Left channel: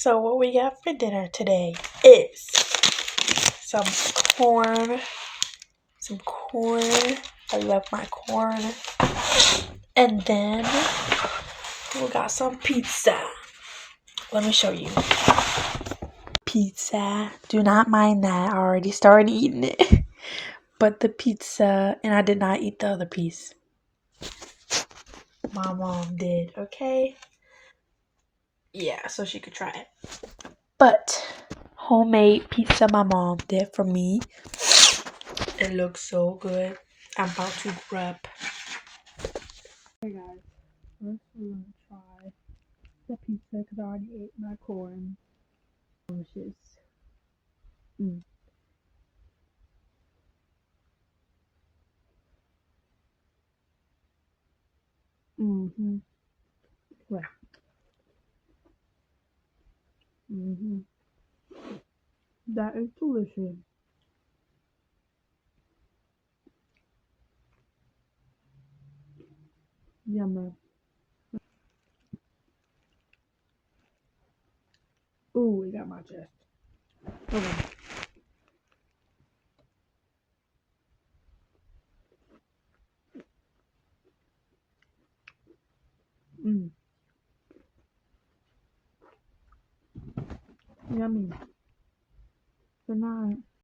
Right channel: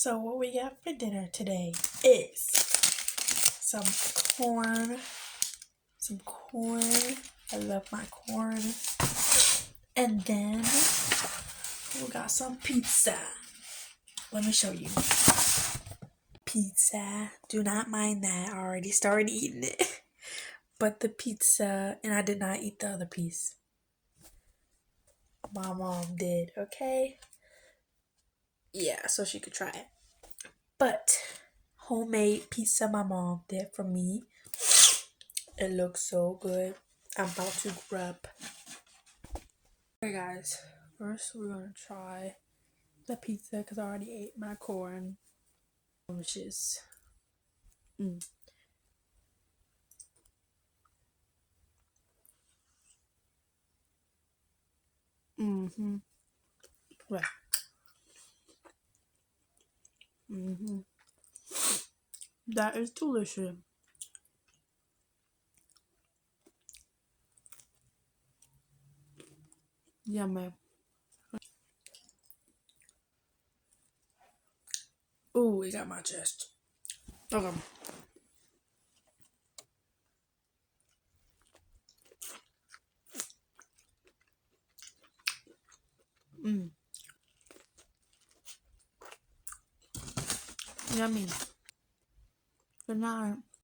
So what we got for dinner today is some corn. Some corn. I love my corn. And then we got some pizza. Let me show you. Pizza. Do not mind that. I already started eating it. But the pizza, and I did not eat the other piece. My mom did, okay? Yeah, so she could try it. But homemade pizza my mom did for me. It looks so good. I'm about to grab. Okay guys, first we're gonna try the pizza because I already ate my corn, which is right. That is delicious. Yummy. Ooh, it got my chest. Okay. Yummy. Good night.